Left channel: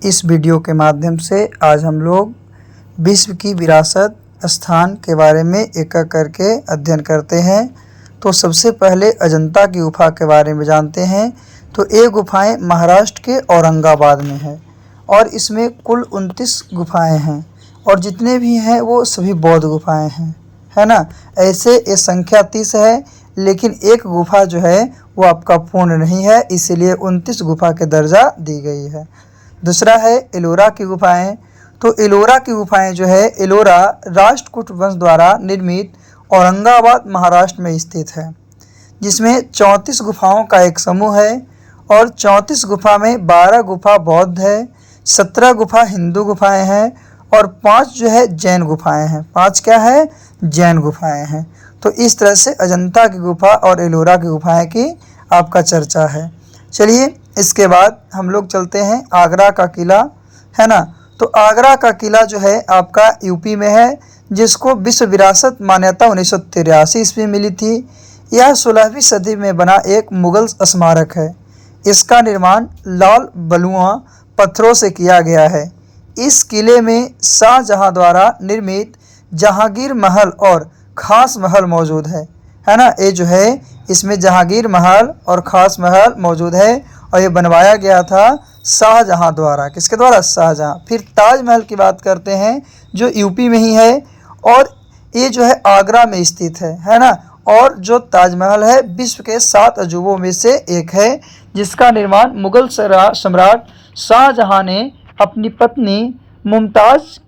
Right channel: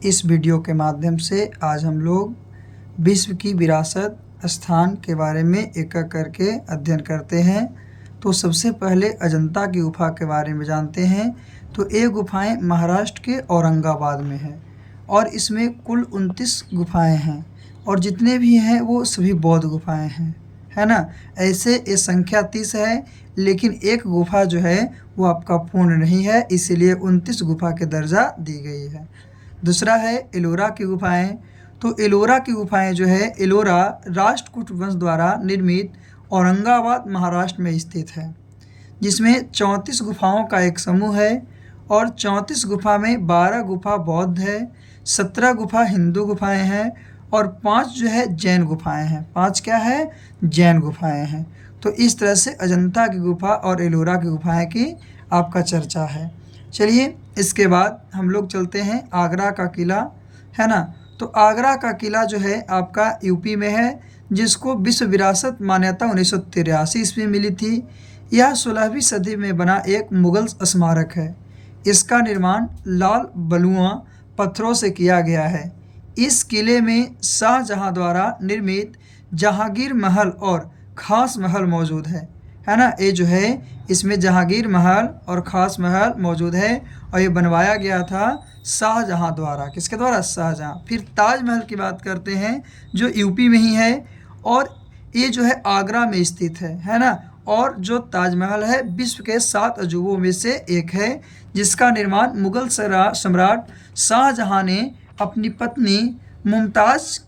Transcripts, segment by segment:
इस वीडियो के माध्यम से आज हम लोग विश्व की विरासत स्थान के बारे में एक एक करके अध्ययन करते हैं। तो सबसे पहले अजंता की गुफा के बारे में जानते हैं। तो ये गुफाएं महाराष्ट्र के औरंगाबाद में है और इसमें कुल 29 गुफाएं हैं और जितने भी हैं वो सभी बौद्ध गुफाएं हैं, है ना। ऐसे ये संख्या 30 है, लेकिन एक गुफा जो है वो आपका पूर्ण नहीं है, इसीलिए 29 गुफा के दर्जा दी गई है। दूसरा है एलोरा की गुफाएं। तो एलोरा की गुफाएं जो है, एलोरा राष्ट्रकूट वंश द्वारा निर्मित औरंगाबाद महाराष्ट्र में स्थित है, जिसमें 34 गुफाओं का एक समूह है और 34 गुफा में 12 गुफा बौद्ध है, 17 गुफा हिंदू गुफाएं हैं और 5 जो है जैन गुफाएं हैं। 5 क्या है? जैन गुफाएं हैं। तो इस तरह से अजंता की गुफा और एलोरा की गुफाएं की आपका चर्चा है। चलिए इसके बाद हम लोग चलते हैं आगरा का किला, है ना। तो आगरा का किला जो है आपका यूपी में है, जिसको विश्व विरासत मान्यता 1983 ईस्वी में मिली थी। यह 16वीं सदी में बना एक मुगल स्मारक है। इसका निर्माण लाल बलुआ पत्थरों से किया गया है। इस किले में शाहजहां द्वारा निर्मित जहांगीर महल और खास महल मौजूद है ना। ये जो है इसमें जहांगीर महल और खास महल मौजूद है और ये बनवाया गया था शाहजहां द्वारा। किसके द्वारा? शाहजहां। फिर ताजमहल की बात करते हैं, जो यूपी में ही है और ये जो है आगरा में स्थित है ना। और जो ताजमहल है विश्व के 7 अजूबों में से एक है, जिसका निर्माण मुगल सम्राट शाहजहां ने अपनी पत्नी मुमताज़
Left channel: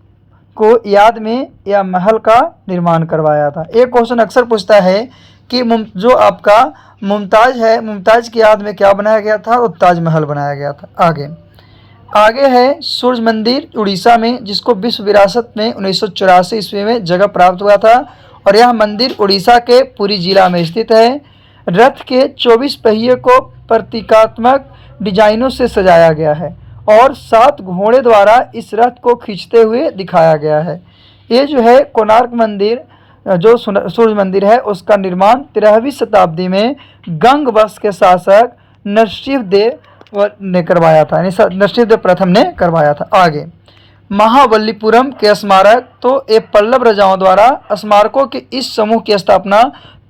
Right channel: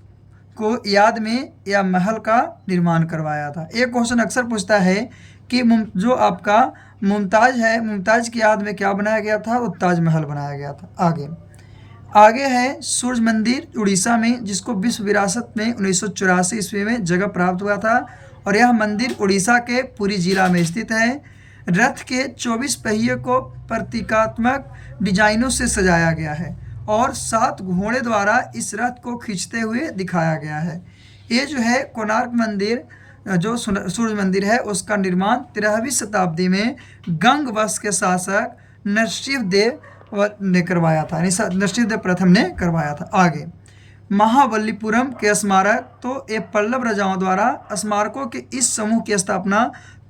को याद में यह महल का निर्माण करवाया था। एक क्वेश्चन अक्सर पूछता है कि जो आपका मुमताज़ है, मुमताज़ की याद में क्या बनाया गया था? तो ताजमहल बनाया गया था। आगे है सूर्य मंदिर उड़ीसा में, जिसको विश्व विरासत में 1984 ईस्वी में जगह प्राप्त हुआ था और यह मंदिर उड़ीसा के पुरी जिला में स्थित है। रथ के 24 पहिए को प्रतीकात्मक डिजाइनों से सजाया गया है और 7 घोड़े द्वारा इस रथ को खींचते हुए दिखाया गया है। ये जो है कोणार्क मंदिर, जो सूर्य मंदिर है, उसका निर्माण 13वीं शताब्दी में गंग वंश के शासक नरसिंहदेव ने करवाया था, नरसिंहदेव प्रथम ने करवाया था। आगे महाबलीपुरम के स्मारक। तो ये पल्लव राजाओं द्वारा स्मारकों के इस समूह की स्थापना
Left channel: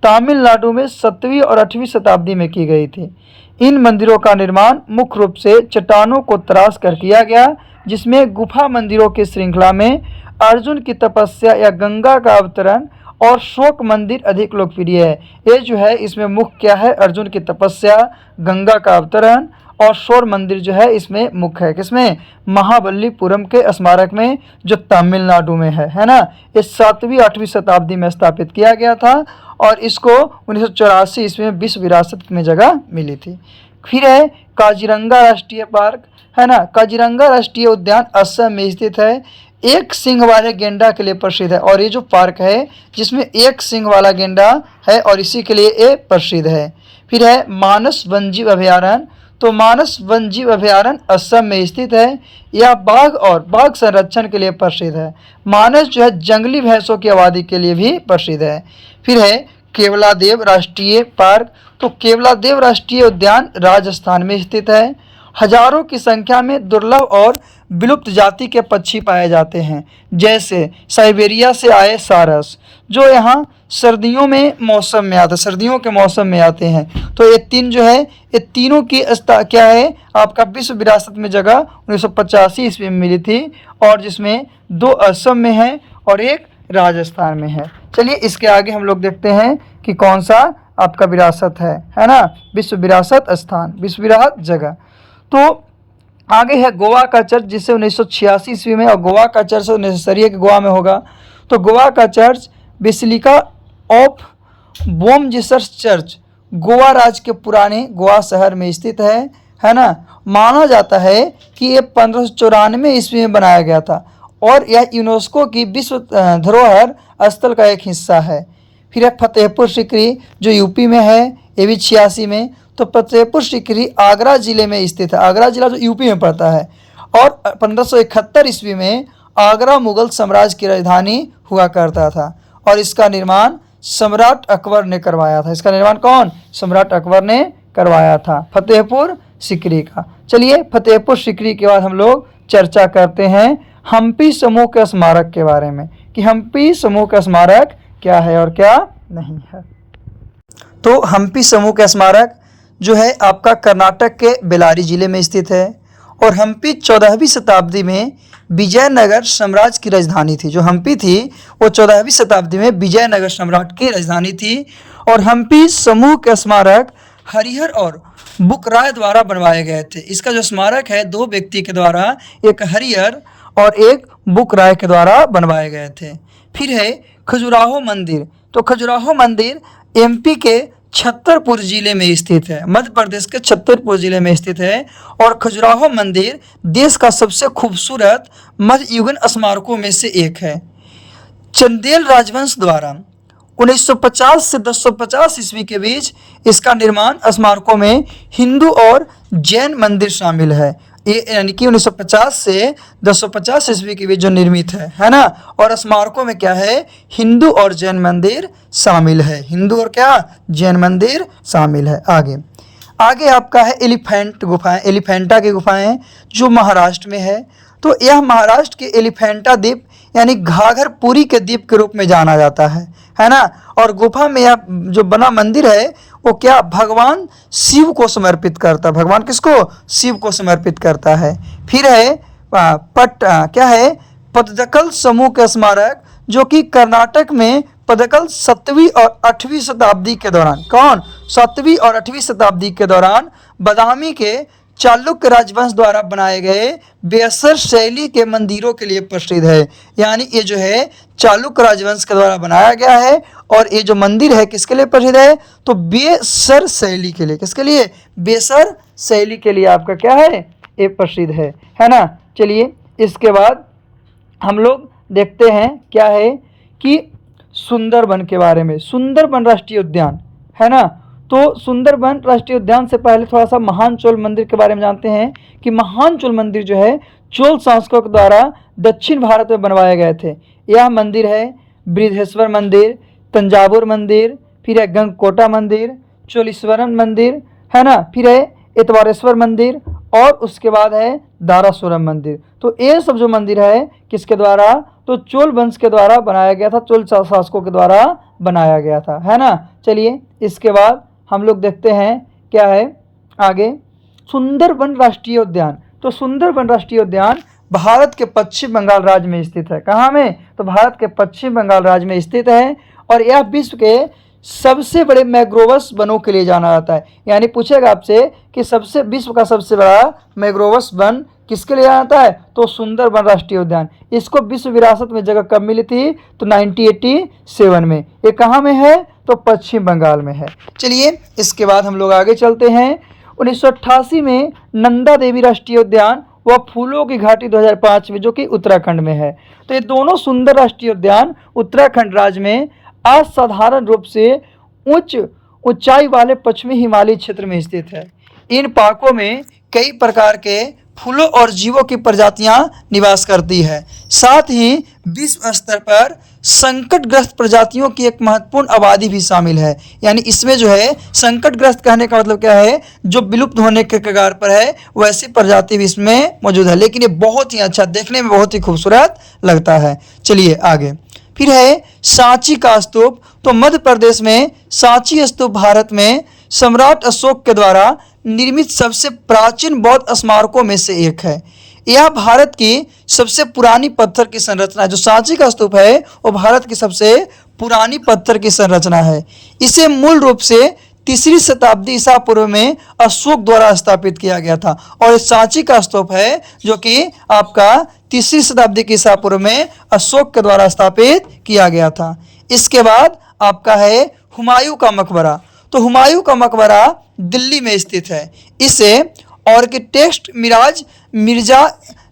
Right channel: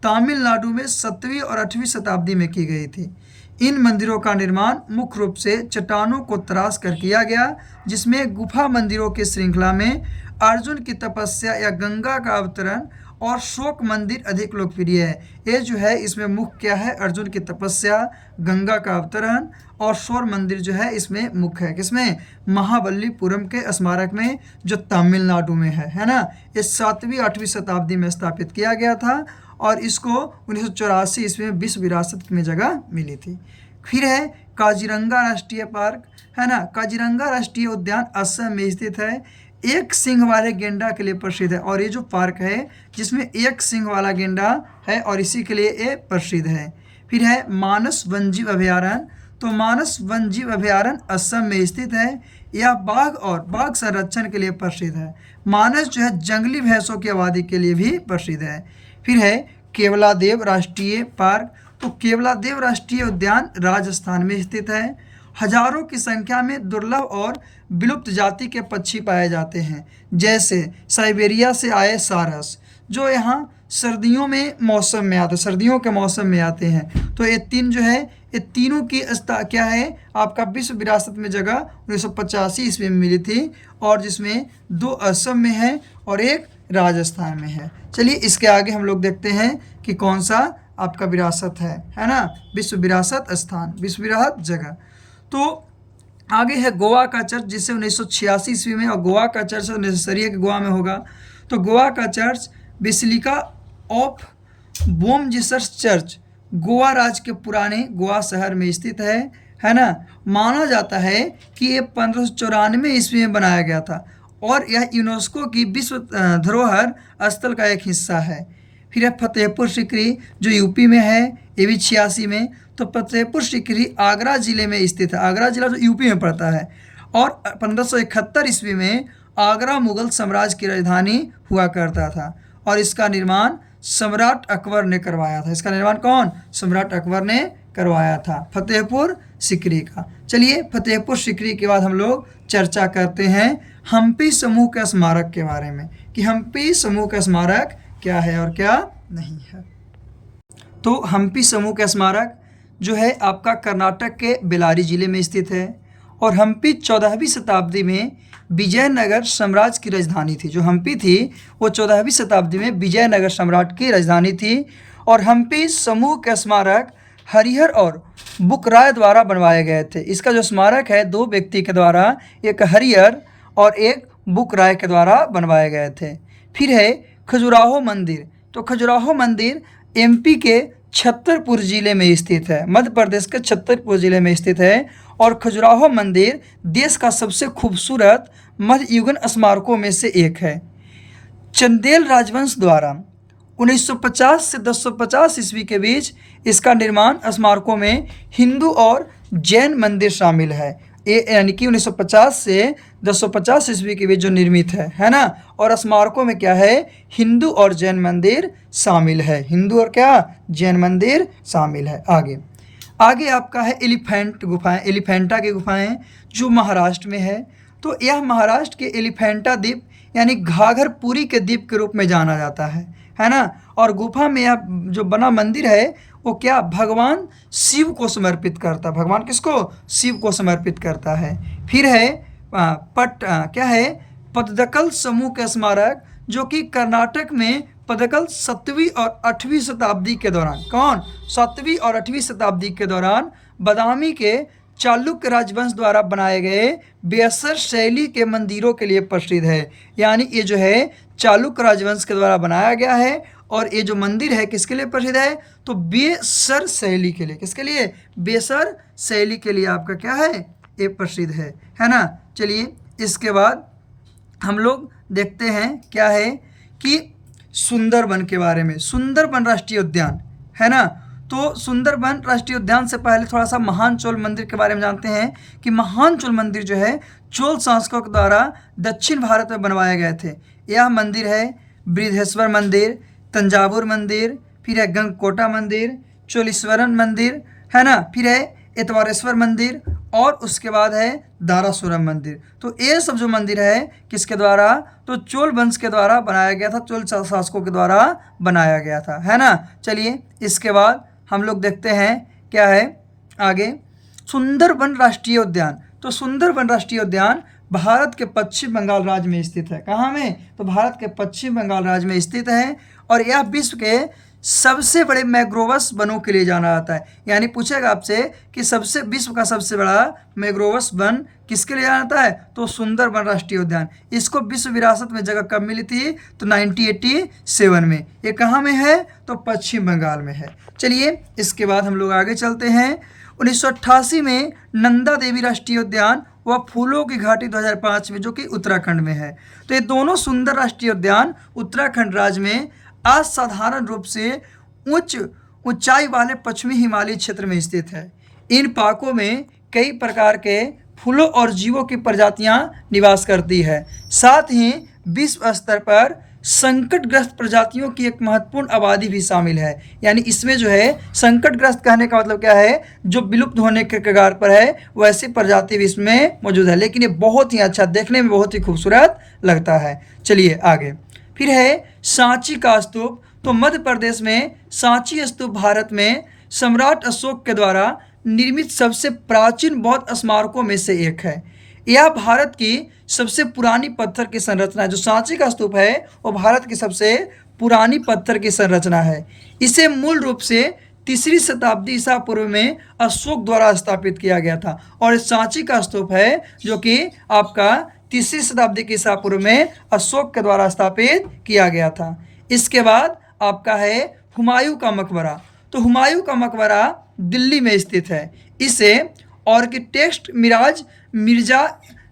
तमिलनाडु में 7वीं और 8वीं शताब्दी में की गई थी। इन मंदिरों का निर्माण मुख्य रूप से चट्टानों को तराश कर किया गया, जिसमें गुफा मंदिरों की श्रृंखला में अर्जुन की तपस्या या गंगा का अवतरण और शोक मंदिर अधिक लोकप्रिय है। ये जो है इसमें मुख्य क्या है? अर्जुन की तपस्या, गंगा का अवतरण और शोर मंदिर जो है इसमें मुख्य है। किसमें? महाबलीपुरम के स्मारक में, जो तमिलनाडु में है ना। ये 7वीं 8वीं शताब्दी में स्थापित किया गया था और इसको 1984 ईस्वी में विश्व विरासत में जगह मिली थी। फिर है काजीरंगा राष्ट्रीय पार्क, है ना। काजीरंगा राष्ट्रीय उद्यान असम में स्थित है। एक सिंह वाले गेंडा के लिए प्रसिद्ध है और ये जो पार्क है जिसमें एक सिंह वाला गेंडा है और इसी के लिए ये प्रसिद्ध है। फिर है मानस वन्यजीव अभयारण्य। तो मानस वन्यजीव अभयारण्य असम में स्थित है। यह बाघ और बाघ संरक्षण के लिए प्रसिद्ध है। मानस जो है जंगली भैंसों की आबादी के लिए भी प्रसिद्ध है। फिर है केवलादेव राष्ट्रीय पार्क। तो केवलादेव राष्ट्रीय उद्यान राजस्थान में स्थित है। हजारों की संख्या में दुर्लभ और विलुप्त जाति के पक्षी पाए जाते हैं, जैसे साइबेरिया से आए सारस, जो यहाँ सर्दियों के मौसम में आते हैं। तो ये 3 जो है, ये तीनों की क्या है आपका विश्व विरासत में जगह 1985 ईस्वी में मिली थी और जिसमें 2 असम में है और एक राजस्थान में है। चलिए इसके आगे हम लोग देखते हैं कि कौन सा आपका विरासत है ना। विश्व विरासत स्थान, विश्व विरासत जगह। तो आगे है गोवा का चर्च, जिसे 1986 ईस्वी में, और गोवा का चर्च नेसेसरी है कि गोवा में होगा। तो गोवा का church basilica of Bom Jesus church Goa राज्य के पुराने गोवा शहर में स्थित है ना। माना जाता है कि ये 1594 ईस्वी में बनाया गया था और यह यूनेस्को की विश्व धरोहर स्थल का एक हिस्सा है। फिर है फतेहपुर सीकरी, जो यूपी में है, ये भी 86 में। तो फतेहपुर सीकरी आगरा जिले में स्थित है। आगरा जिला जो यूपी में पड़ता है और 1571 ईस्वी में आगरा मुगल साम्राज्य की राजधानी हुआ करता था और इसका निर्माण सम्राट अकबर ने करवाया था। इसका निर्माण कौन? सम्राट अकबर ने करवाया था, फतेहपुर सीकरी का। चलिए फतेहपुर सीकरी के बाद हम लोग चर्चा करते हैं हम्पी समूह के स्मारक के बारे में कि हम्पी समूह का स्मारक क्या है और क्या नहीं है। तो हम्पी समूह का स्मारक जो है आपका कर्नाटक के बेलारी जिले में स्थित है और हम्पी 14वीं शताब्दी में विजयनगर साम्राज्य की राजधानी थी। जो हम्पी थी वो 14वीं शताब्दी में विजयनगर सम्राट की राजधानी थी। और हम्पी समूह के स्मारक हरिहर और बुकराय द्वारा बनवाए गए थे। इसका जो स्मारक है दो व्यक्ति के द्वारा, एक हरिहर और एक बुकराय के द्वारा बनवाए गए थे। फिर है खजुराहो मंदिर। तो खजुराहो मंदिर एमपी के छतरपुर जिले में स्थित है, मध्य प्रदेश के छतरपुर जिले में स्थित है। और खजुराहो मंदिर देश का सबसे खूबसूरत मध्ययुगीन स्मारकों में से एक है। चंदेल राजवंश द्वारा 1950 से 1050 ईस्वी के बीच इसका निर्माण स्मारकों में हिंदू और जैन मंदिर शामिल है। ये यानी कि 1950 से 1050 ईस्वी के बीच जो निर्मित है ना। और स्मारकों में क्या है, हिंदू और जैन मंदिर शामिल है। हिंदू और क्या, जैन मंदिर शामिल है। आगे आपका है एलिफेंट गुफाएं, एलिफेंटा की गुफाएं जो महाराष्ट्र में है। तो यह महाराष्ट्र के एलिफेंटा द्वीप यानी घाघरपुरी के द्वीप के रूप में जाना जाता है ना। और गुफा में यह जो बना मंदिर है वो क्या, भगवान शिव को समर्पित करता है। भगवान किसको, शिव को समर्पित करता है। फिर है क्या है, पद्दकल समूह का स्मारक जो कि कर्नाटक में पद्दकल 7वीं और 8वीं शताब्दी के दौरान, कौन, 7वीं और 8वीं शताब्दी के दौरान बादामी के चालुक्य राजवंश द्वारा बनाए गए बेसर शैली के मंदिरों के लिए प्रसिद्ध है। यानी ये जो है चालुक्य राजवंश के द्वारा बनाया गया है और ये जो मंदिर है किसके लिए प्रसिद्ध है, तो बेसर शैली के लिए। किसके लिए, बेसर शैली के लिए आपका क्या है, ये प्रसिद्ध है ना। चलिए इसके बाद हम लोग देखते हैं क्या है कि सुंदरबन के बारे में। सुंदरबन राष्ट्रीय उद्यान है ना। तो सुंदरबन राष्ट्रीय उद्यान से पहले थोड़ा सा महान चोल मंदिर के बारे में जानते हैं कि महान चोल मंदिर जो है चोल शासकों के द्वारा दक्षिण भारत में बनवाए गए थे। यह मंदिर है बृहदेश्वर मंदिर, तंजावुर मंदिर, फिर है गंगकोटा मंदिर, चोलीश्वरन मंदिर है ना, फिर है एतवारेश्वर मंदिर और उसके बाद है दारासुरम मंदिर। तो ये सब जो मंदिर है किसके द्वारा, तो चोल वंश के द्वारा बनाया गया था, चोल शासकों के द्वारा बनाया गया था, है ना। चलिए इसके बाद हम लोग देखते हैं क्या है आगे, सुंदरबन राष्ट्रीय उद्यान। तो सुंदरबन राष्ट्रीय उद्यान भारत के पश्चिम बंगाल राज्य में स्थित है। कहाँ में, तो भारत के पश्चिम बंगाल राज्य में स्थित है। और यह विश्व के सबसे बड़े मैग्रोवस वनों के लिए जाना जाता है। यानी पूछेगा आपसे कि विश्व का सबसे बड़ा मैग्रोवस वन किसके लिए जाना जाता है, तो सुंदरबन राष्ट्रीय उद्यान। इसको विश्व विरासत में जगह कब मिली थी, तो 1987 में। ये कहाँ में है, तो पश्चिम बंगाल में है। चलिए इसके बाद हम लोग आगे चलते हैं। 1988 में नंदा देवी राष्ट्रीय उद्यान व फूलों की घाटी 2005 में जो कि उत्तराखंड में है। तो ये दोनों सुंदर राष्ट्रीय उद्यान उत्तराखंड राज्य में असाधारण रूप से ऊंचाई वाले पश्चिमी हिमालय क्षेत्र में स्थित है। इन पार्कों में कई प्रकार के फूलों और जीवों की प्रजातियां निवास करती है। साथ ही विश्व स्तर पर संकटग्रस्त प्रजातियों की एक महत्वपूर्ण आबादी भी शामिल है। यानी इसमें जो है संकटग्रस्त कहने का मतलब क्या है, जो विलुप्त होने के कगार पर है वैसी प्रजाति भी इसमें मौजूद है। लेकिन ये बहुत ही अच्छा, देखने में बहुत ही खूबसूरत लगता है। चलिए आगे, फिर है सांची का स्तूप। तो मध्य प्रदेश में सांची स्तूप भारत में सम्राट अशोक के द्वारा निर्मित सबसे प्राचीन बौद्ध स्मारकों में से एक है। यह भारत की सबसे पुरानी पत्थर की संरचना है। जो सांची का स्तूप है वो भारत की सबसे पुरानी पत्थर की संरचना है। इसे मूल रूप से 3री शताब्दी ईसा पूर्व में अशोक द्वारा स्थापित किया गया था। और सांची का स्तूप है जो कि आपका 3री शताब्दी के ईसा पूर्व में अशोक के द्वारा स्थापित किया गया था। इसके बाद आपका है हुमायूं का मकबरा। तो हुमायूं का मकबरा दिल्ली में स्थित है। इसे आर्किटेक्ट मिर्जा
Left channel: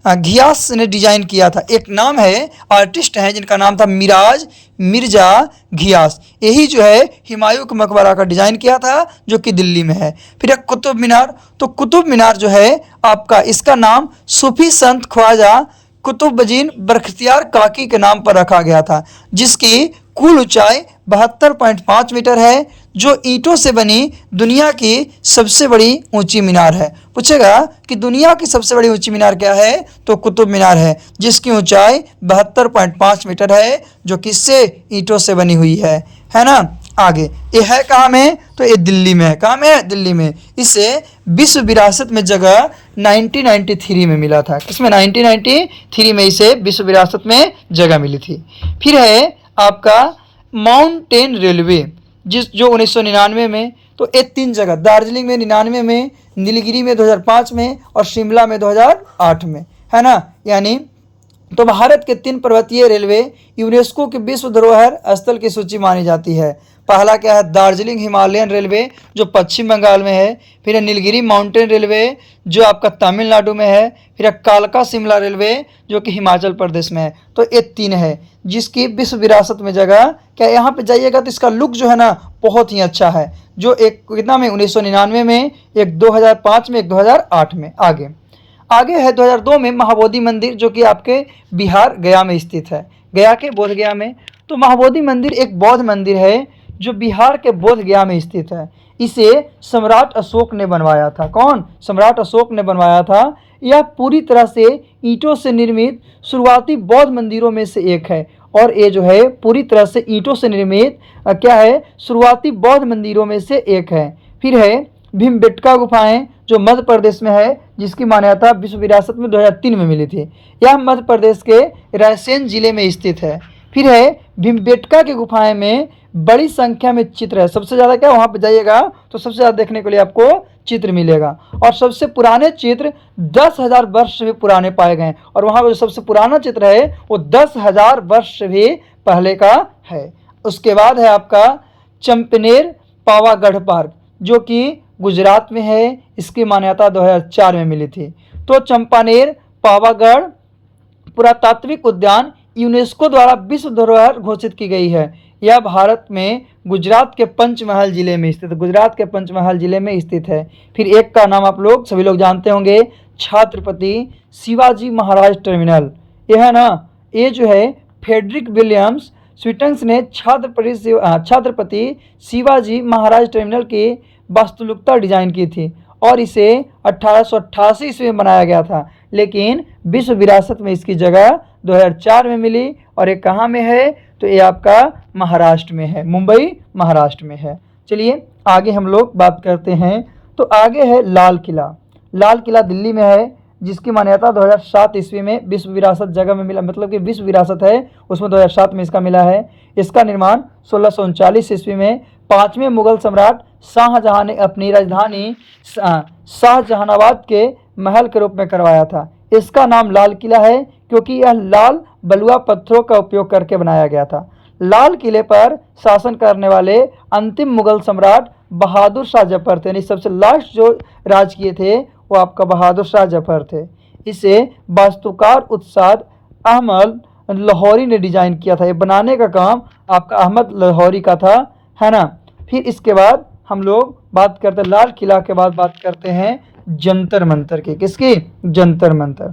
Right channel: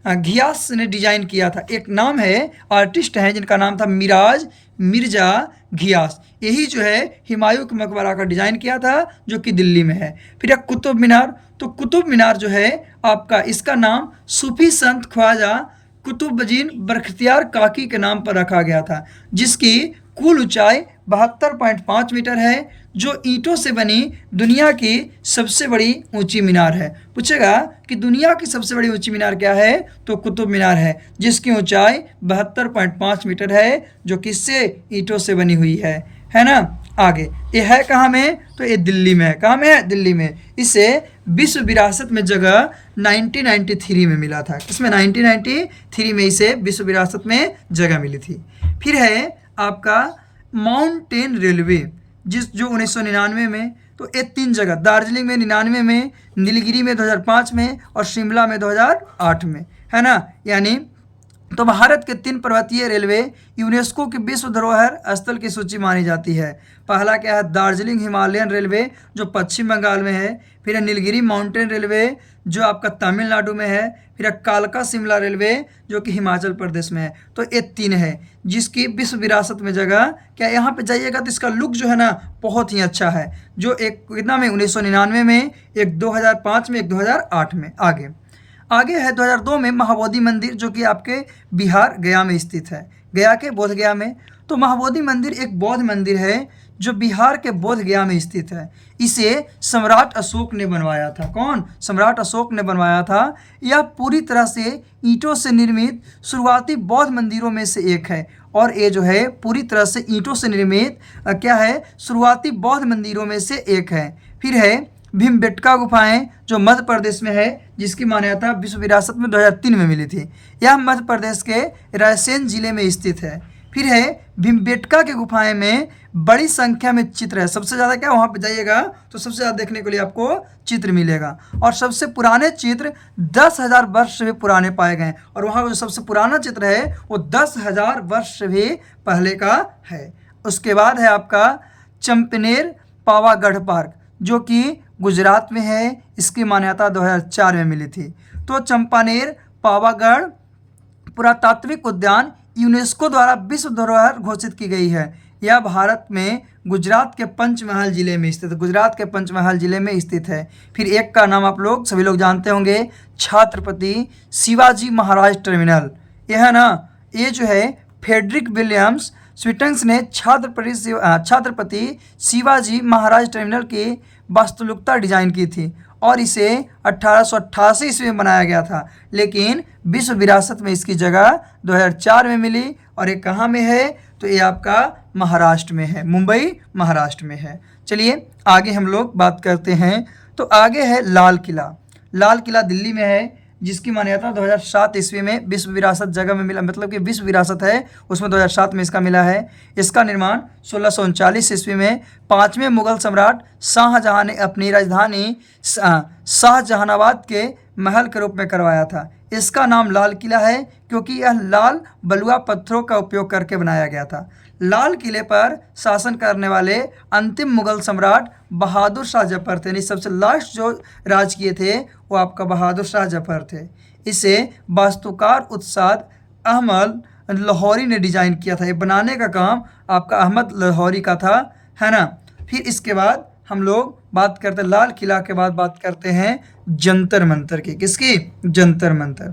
घियास ने डिजाइन किया था। एक नाम है, आर्टिस्ट हैं जिनका नाम था मिर्जा घियास। यही जो है हुमायूं के मकबरा का डिजाइन किया था जो कि दिल्ली में है। फिर एक कुतुब मीनार। तो कुतुब मीनार जो है आपका, इसका नाम सूफी संत ख्वाजा कुतुबुद्दीन बख्तियार काकी के नाम पर रखा गया था, जिसकी कुल ऊंचाई 72.5 मीटर है, जो ईंटों से बनी दुनिया की सबसे बड़ी ऊंची मीनार है। पूछेगा कि दुनिया की सबसे बड़ी ऊंची मीनार क्या है, तो कुतुब मीनार है, जिसकी ऊंचाई 72.5 मीटर है, जो किससे, ईंटों से बनी हुई है ना। आगे ये है कहाँ में, तो ये दिल्ली में है। कहाँ में है, दिल्ली में। इसे विश्व विरासत में जगह 1993 में मिला था। किसमें, 1993 में इसे विश्व विरासत में जगह मिली थी। फिर है आपका माउंटेन रेलवे, जो 1999 में, तो ये 3 जगह, दार्जिलिंग में 99 में, नीलगिरी में 2005 में, और शिमला में 2008 में, है ना। यानी तो भारत के 3 पर्वतीय रेलवे यूनेस्को की विश्व धरोहर स्थल की सूची मानी जाती है। पहला क्या है, दार्जिलिंग हिमालयन रेलवे, जो पश्चिम बंगाल में है। फिर है नीलगिरी माउंटेन रेलवे, जो आपका तमिलनाडु में है। फिर है कालका शिमला रेलवे, जो कि हिमाचल प्रदेश में है। तो ये 3 है जिसकी विश्व विरासत में जगह। क्या यहाँ पे जाइएगा तो इसका लुक जो है ना बहुत ही अच्छा है। जो एक कितना में, 1999 में, एक 2005 में, एक 2008 में। आगे है 2002 में महाबोधि मंदिर, जो कि आपके बिहार गया में स्थित है, गया के बोध गया में। तो महाबोधि मंदिर एक बौद्ध मंदिर है जो बिहार के बोध गया में स्थित है। इसे सम्राट अशोक ने बनवाया था। कौन, सम्राट अशोक ने बनवाया था। यह पूरी तरह से ईंटों से निर्मित शुरुआती बौद्ध मंदिरों में से एक है। और ये जो है पूरी तरह से ईंटों से निर्मित क्या है, शुरुआती बौद्ध मंदिरों में से एक है। फिर है भीमबेटका गुफाएं, जो मध्य प्रदेश में है, जिसकी मान्यता विश्व विरासत में 2003 में मिली थी। यह मध्य प्रदेश के रायसेन जिले में स्थित है। फिर है भीमबेटका की गुफाएं में बड़ी संख्या में चित्र है। सबसे ज़्यादा क्या, वहाँ पे जाइएगा तो सबसे ज़्यादा देखने के लिए आपको चित्र मिलेगा। और सबसे पुराने चित्र 10,000 वर्ष से भी पुराने पाए गए। और वहाँ जो सबसे पुराना चित्र है वो 10,000 वर्ष से भी पहले का है। उसके बाद है आपका चंपनेर पावागढ़ पार्क, जो कि गुजरात में है। इसकी मान्यता 2004 में मिली थी। तो चंपानेर पावागढ़ पुरातात्विक उद्यान यूनेस्को द्वारा विश्व धरोहर घोषित की गई है। यह भारत में गुजरात के पंचमहल जिले में स्थित है। गुजरात के पंचमहल जिले में स्थित है। फिर एक का नाम आप लोग सभी लोग जानते होंगे, छत्रपति शिवाजी महाराज टर्मिनल। यह है ना, ये जो है फ्रेडरिक विलियम्स स्वीटन्स ने छत्रपति शिवाजी महाराज टर्मिनल की वास्तुलिकता डिजाइन की थी और इसे 1888 ईस्वी में बनाया गया था। लेकिन विश्व विरासत में इसकी जगह 2004 में मिली। और ये कहाँ में है, तो ये आपका महाराष्ट्र में है, मुंबई महाराष्ट्र में है। चलिए आगे हम लोग बात करते हैं। तो आगे है लाल किला। लाल किला दिल्ली में है, जिसकी मान्यता 2007 ईस्वी में विश्व विरासत जगह में मिला, मतलब कि विश्व विरासत है उसमें 2007 में इसका मिला है। इसका निर्माण 1639 ईस्वी में 5वें मुगल सम्राट शाहजहां ने अपनी राजधानी शाहजहानाबाद के महल के रूप में करवाया था। इसका नाम लाल किला है क्योंकि यह लाल बलुआ पत्थरों का उपयोग करके बनाया गया था। लाल किले पर शासन करने वाले अंतिम मुगल सम्राट बहादुर शाह जफर थे। यानी सबसे लास्ट जो राज किए थे वो आपका बहादुर शाह जफर थे। इसे वास्तुकार उस्ताद अहमद लाहौरी ने डिजाइन किया था। ये बनाने का काम आपका अहमद लाहौरी का था, है ना। फिर इसके बाद हम लोग बात करते हैं लाल किला के बाद बात करते हैं जंतर मंतर की। किसकी, जंतर मंतर।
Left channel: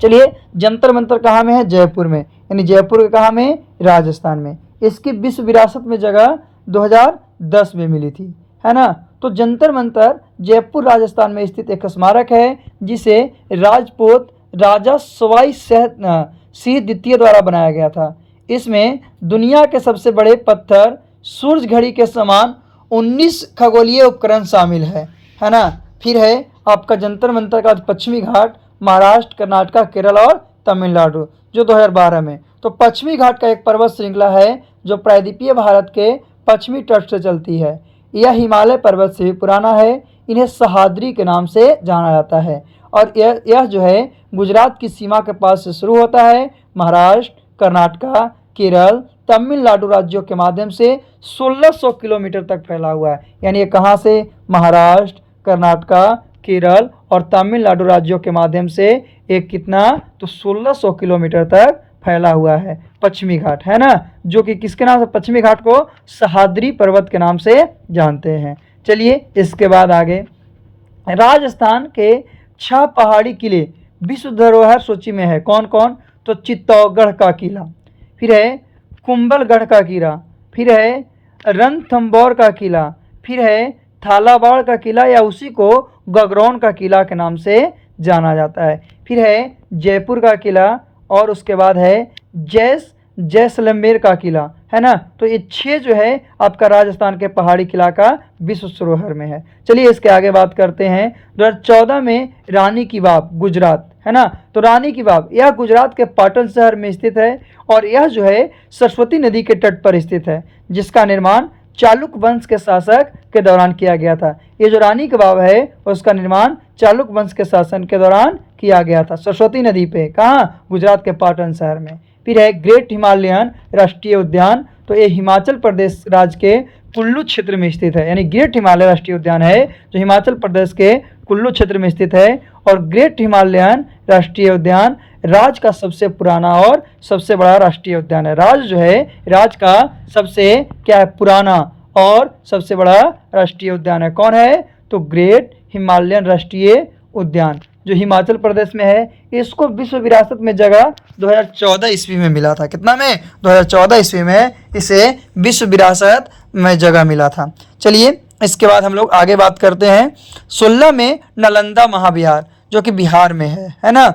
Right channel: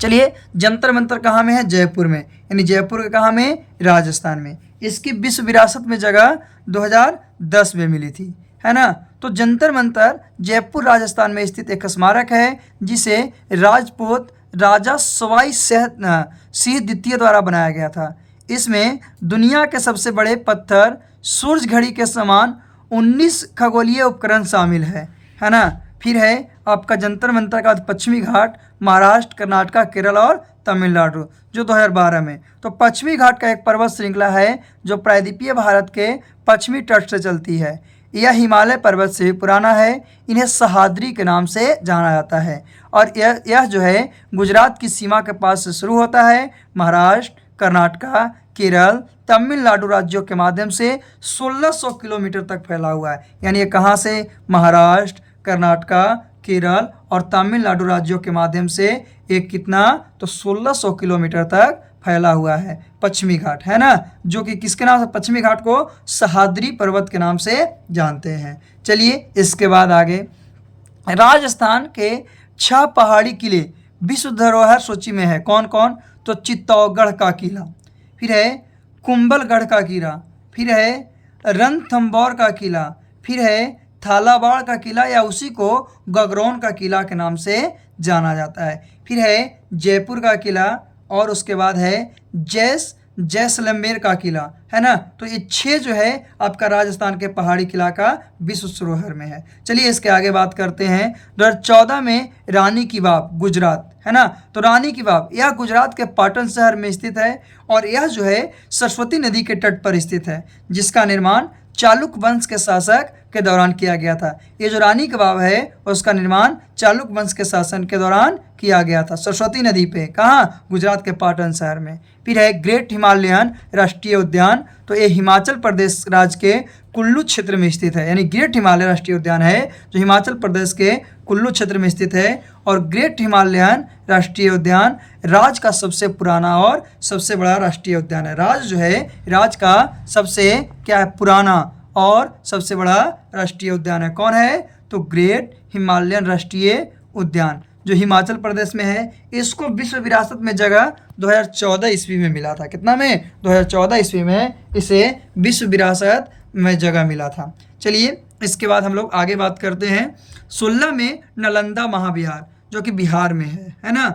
चलिए जंतर मंतर कहाँ में है, जयपुर में, यानी जयपुर के कहाँ में, राजस्थान में। इसकी विश्व विरासत में जगह 2010 में मिली थी, है ना। तो जंतर मंतर जयपुर राजस्थान में स्थित एक स्मारक है जिसे राजपूत राजा सवाई सिंह द्वितीय द्वारा बनाया गया था। इसमें दुनिया के सबसे बड़े पत्थर, सूरज घड़ी के समान 19 खगोलीय उपकरण शामिल है ना। फिर है आपका जंतर मंतर का पश्चिमी घाट, महाराष्ट्र, कर्नाटक, केरल और तमिलनाडु, जो 2012 में। तो पश्चिमी घाट का एक पर्वत श्रृंखला है जो प्रायद्वीपीय भारत के पश्चिमी तट से चलती है। यह हिमालय पर्वत से भी पुराना है। इन्हें सह्याद्री के नाम से जाना जाता है। और यह जो है गुजरात की सीमा के पास से शुरू होता है, महाराष्ट्र, कर्नाटक, केरल, तमिलनाडु राज्यों के माध्यम से 1600 किलोमीटर तक फैला हुआ है। यानी ये कहाँ से, महाराष्ट्र, कर्नाटक, केरल और तमिलनाडु राज्यों के माध्यम से एक कितना, तो 1600 किलोमीटर तक फैला हुआ है पश्चिमी घाट, है ना। जो कि किसके नाम से, पश्चिमी घाट को सह्याद्री पर्वत के नाम से जानते हैं। चलिए इसके बाद आगे राजस्थान के 6 पहाड़ी किले विश्व धरोहर सूची में है। कौन कौन, तो चित्तौड़गढ़ का किला, फिर है कुंभलगढ़ का किला, फिर है रणथंभौर का किला, फिर है थालावाड़ का किला या उसी को गगरौन का किला के नाम से जाना जाता है, फिर है जयपुर का किला और उसके बाद है जैसलमेर का किला, है ना। तो ये 6 जो है आपका राजस्थान के पहाड़ी किला का विश्व धरोहर में है। चलिए इसके आगे बात करते हैं। 2014 में रानी की वाव गुजरात, है ना। तो रानी की वाव यह गुजरात के पाटन शहर में स्थित है और यह जो है सरस्वती नदी के तट पर स्थित है, जिसका निर्माण चालुक्य वंश के शासक के दौरान किया गया था। ये जो रानी की वाव है उसका निर्माण चालुक्य वंश के शासन के दौरान किया गया था, सरस्वती नदी पे, कहाँ, गुजरात के पाटन शहर में। फिर है ग्रेट हिमालयन राष्ट्रीय उद्यान, तो ये हिमाचल प्रदेश राज्य के कुल्लू क्षेत्र में स्थित है, यानी ग्रेट हिमालय राष्ट्रीय उद्यान है जो हिमाचल प्रदेश के कुल्लू क्षेत्र में स्थित है। और ग्रेट हिमालयन राष्ट्रीय उद्यान राज्य का सबसे पुराना और सबसे बड़ा राष्ट्रीय उद्यान है। राज्य जो है राज्य का सबसे क्या है, पुराना और सबसे बड़ा राष्ट्रीय उद्यान है। कौन है, तो ग्रेट हिमालयन राष्ट्रीय उद्यान जो हिमाचल प्रदेश में है। इसको विश्व विरासत में जगह 2014 ईस्वी में मिला था। कितना में, 2014 ईस्वी में इसे विश्व विरासत में जगह मिला था। चलिए इसके बाद हम लोग आगे बात करते हैं। 16 में नालंदा महाविहार जो कि बिहार में है ना।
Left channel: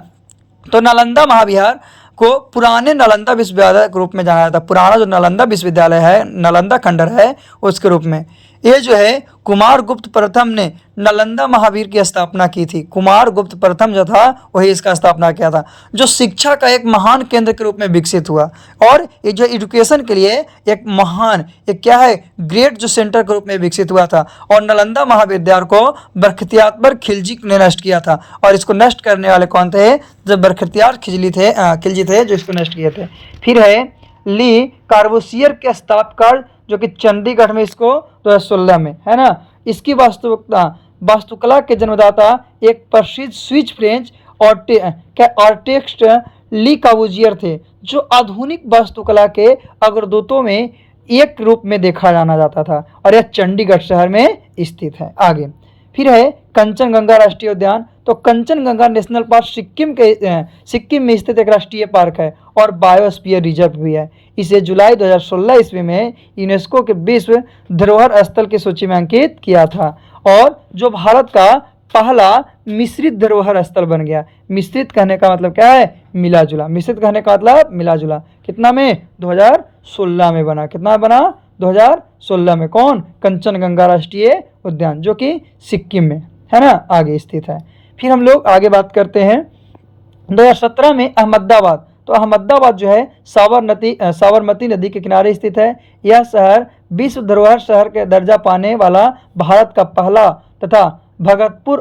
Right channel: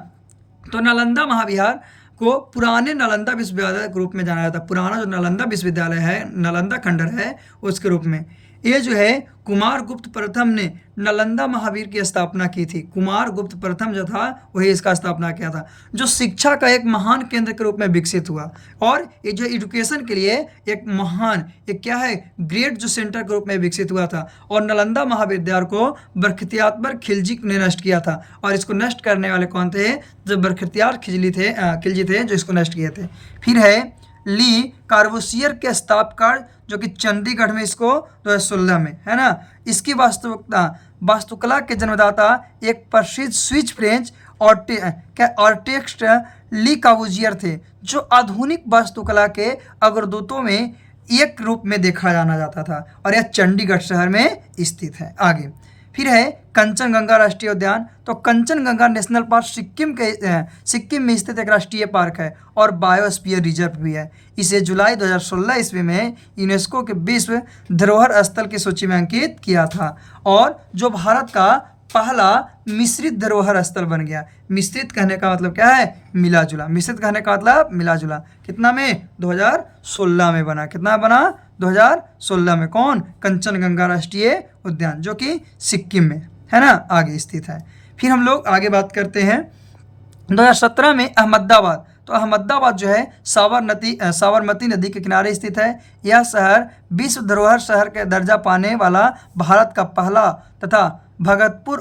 तो नालंदा महाविहार को पुराने नालंदा विश्वविद्यालय के रूप में जाना जाता है। पुराना जो नालंदा विश्वविद्यालय है, नालंदा खंडर है, उसके रूप में। ये जो है कुमारगुप्त प्रथम ने नालंदा महावीर की स्थापना की थी। कुमारगुप्त प्रथम जो था वही इसका स्थापना किया था, जो शिक्षा का एक महान केंद्र के रूप में विकसित हुआ और ये जो एजुकेशन के लिए एक महान, एक क्या है, ग्रेट जो सेंटर के रूप में विकसित हुआ था। और नालंदा महाविद्यालय को बरख्तियार खिलजी ने नष्ट किया था और इसको नष्ट करने वाले कौन थे, जब बरख्तियार खिलजी थे जो इसको नष्ट किए थे। फिर है ली कार्बोसियर के स्थापकर जो कि चंडीगढ़ में इसको 2016 में, है ना। इसकी वास्तुकला के जन्मदाता एक प्रसिद्ध स्विस फ्रेंच आर्टिस्ट ली कार्बूजियर थे, जो आधुनिक वास्तुकला के अग्रदूतों में एक रूप में देखा जाना जाता था और यह चंडीगढ़ शहर में स्थित है। आगे फिर है कंचनजंगा राष्ट्रीय उद्यान। तो कंचनजंगा नेशनल पार्क सिक्किम में स्थित एक राष्ट्रीय पार्क है और बायोस्फीयर रिजर्व भी है। इसे जुलाई 2016 ईस्वी में यूनेस्को के विश्व धरोहर स्थल की सूची में अंकित किया था और जो भारत का पहला मिश्रित धरोहर स्थल बन गया। मिश्रित कहने का मतलब क्या है, मिला जुला। मिश्रित कहने का मतलब मिला जुला। कितना में, 2016 में बना। कितना बना, 2016 में। कौन, कंचनजंगा राष्ट्रीय उद्यान जो कि सिक्किम में, है ना, आगे स्थित है। फिर हम लोग आगे बात करते हैं 2017 में अहमदाबाद। तो अहमदाबाद जो है साबरमती नदी के किनारे स्थित है। यह शहर विश्व धरोहर शहर के दर्जा पाने वाला भारत का पहला तथा भगतपुर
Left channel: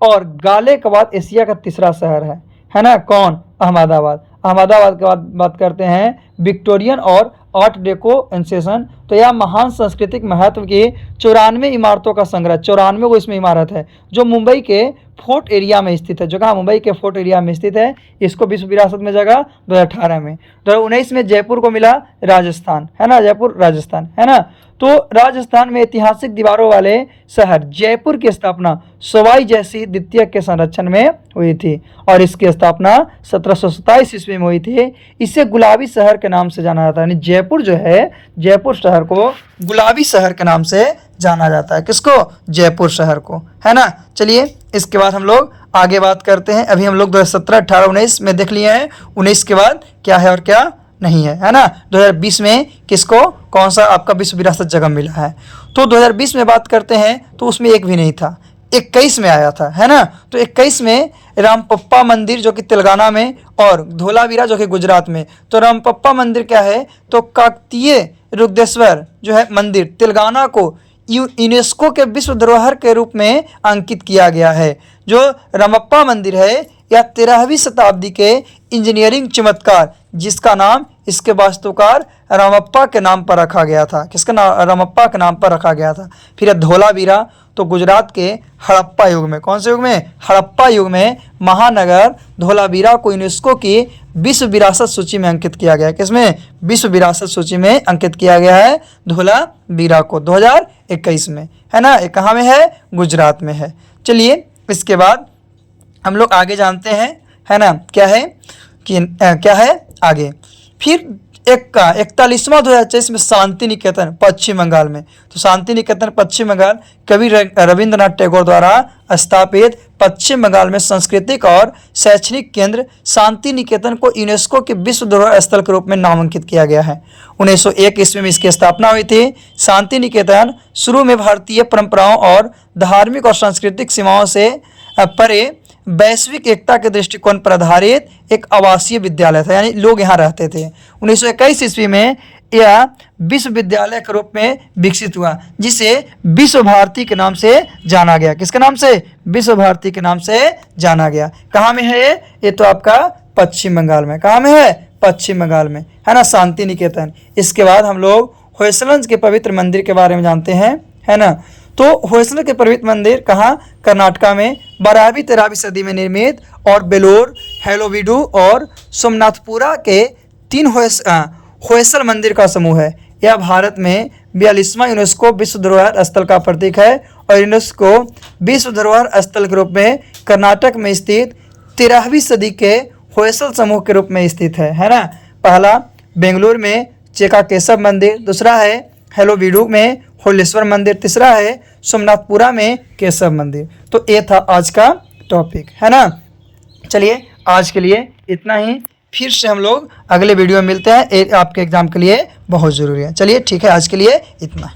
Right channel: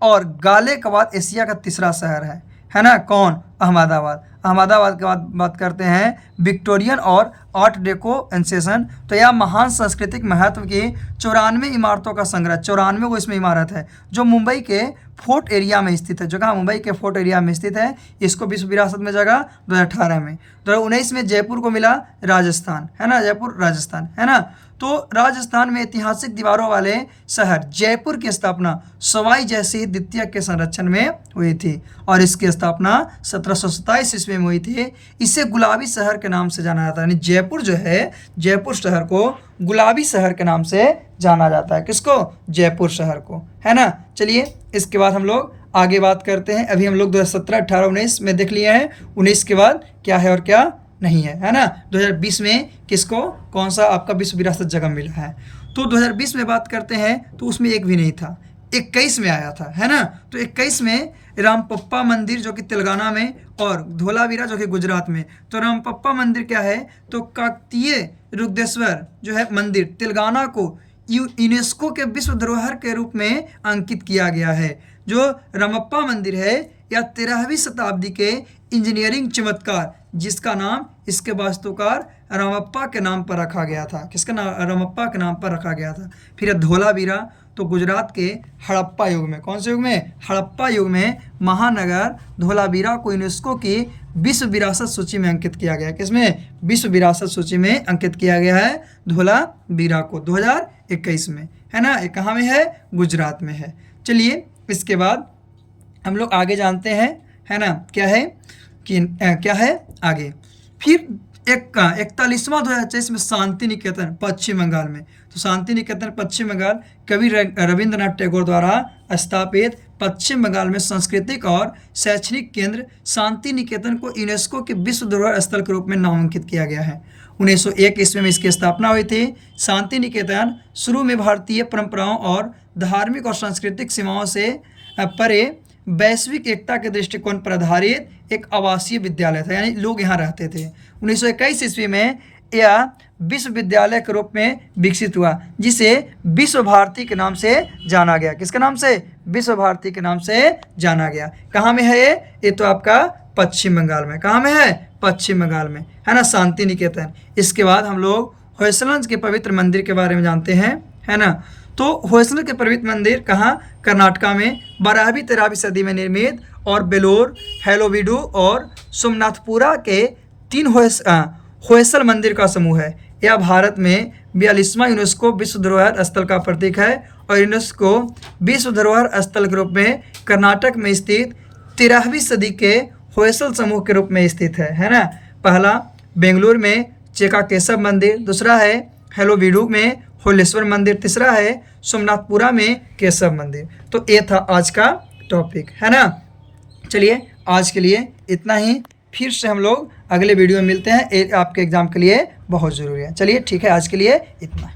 और गाले के बाद एशिया का तीसरा शहर है ना। कौन, अहमदाबाद। अहमदाबाद के बाद बात करते हैं विक्टोरियन और आर्ट डेको एंसेशन। तो यह महान सांस्कृतिक महत्व की 94 इमारतों का संग्रह, 94 को इसमें इमारत है जो मुंबई के फोर्ट एरिया में स्थित है। जो कहाँ, मुंबई के फोर्ट एरिया में स्थित है। इसको विश्व विरासत में जगह 2018 में। 2019 में जयपुर को मिला, राजस्थान, है ना, जयपुर राजस्थान, है ना। तो राजस्थान में ऐतिहासिक दीवारों वाले शहर जयपुर की स्थापना सवाई जयसिंह द्वितीय के संरक्षण में हुई थी और इसकी स्थापना 1727 ईस्वी में हुई थी। इसे गुलाबी शहर के नाम से जाना जाता है, यानी जयपुर जो है, जयपुर शहर को गुलाबी शहर के नाम से जाना जाता है। किसको, जयपुर शहर को, है ना। चलिए इसके बाद हम लोग आगे बात करते हैं। अभी हम लोग 2017, 18, 19 में देख लिए हैं। 19 के बाद क्या है और क्या नहीं है ना। 2020 में किसको, कौन सा आपका विश्व विरासत जगह मिला है। तो 2020 में बात करते हैं तो उसमें एक भी नहीं था, 21 में आया था, है ना। तो 21 में रामपप्पा मंदिर जो कि तेलंगाना में और धोलावीरा जो कि गुजरात में। तो रामपप्पा मंदिर क्या है, तो काकतीय रुद्रेश्वर जो है मंदिर तेलंगाना को यूनेस्को के विश्व धरोहर के रूप में अंकित किया गया है। जो रामप्पा मंदिर है यह 13वीं शताब्दी के इंजीनियरिंग चमत्कार जिसका नाम इसके वास्तुकार रामप्पा के नाम पर रखा गया था। किसका नाम, रामप्पा के नाम पर रखा गया था। फिर धोलावीरा तो गुजरात के हड़प्पा युग में, कौन से युग में, हड़प्पा युग में महानगर धोलावीरा को यूनेस्को की विश्व विरासत सूची में अंकित किया गया। किसमें, विश्व विरासत सूची में अंकित किया गया है धोलावीरा को 2021 में, है ना। ये कहाँ में है, गुजरात में है। चलिए इसके बाद हम लोग आगे जानते हैं, है ना, क्या है कि क्या है आगे। फिर 41वां 2024 में शांति निकेतन पश्चिम बंगाल में। तो शांति निकेतन पश्चिम बंगाल कवि रविंद्रनाथ टैगोर द्वारा स्थापित पश्चिम बंगाल में सांस्कृतिक और शैक्षणिक केंद्र शांति निकेतन को यूनेस्को के विश्व धरोहर स्थल के रूप में नामांकित किया गया है। 1901 ईस्वी में इसकी स्थापना हुई थी। शांति निकेतन शुरू में भारतीय परंपराओं और धार्मिक और सांस्कृतिक सीमाओं से परे वैश्विक एकता के दृष्टिकोण पर आधारित एक आवासीय विद्यालय था, यानी लोग यहाँ रहते थे। 1921 ईस्वी में यह विश्वविद्यालय के रूप में विकसित हुआ, जिसे विश्व भारती के नाम से जाना गया। किसके नाम से? विश्व भारती के नाम से जाना गया। कहाँ में है ये तो आपका पश्चिम बंगाल में। कहाँ में है? पश्चिम बंगाल में, है ना, शांति निकेतन। इसके बाद हम लोग होयसलंज के पवित्र मंदिर के बारे में जानते हैं, है ना। तो होयसलंज के पवित्र मंदिर कहाँ? कर्नाटका में 12वीं 13वीं सदी में निर्मित और बेलोर, हेलोवीडू और सोमनाथपुरा के 3 होयसल मंदिर का समूह है। यह भारत में 42वां यूनेस्को विश्व धरोहर स्थल का प्रतीक है और यूनेस्को विश्व धरोहर स्थल के रूप में कर्नाटक में स्थित 13वीं सदी के होयसल समूह के रूप में स्थित है ना। पहला बेंगलुरु में चेका केशव मंदिर, दूसरा है हेलोवीडू में होलेश्वर मंदिर, तीसरा है सोमनाथपुरा में केशव मंदिर। तो ये था आज का टॉपिक, है ना। चलिए आज के लिए इतना ही, फिर से हम लोग अगले वीडियो में मिलते हैं। ये आपके एग्जाम के लिए बहुत ज़रूरी है। चलिए ठीक है, आज के लिए इतना।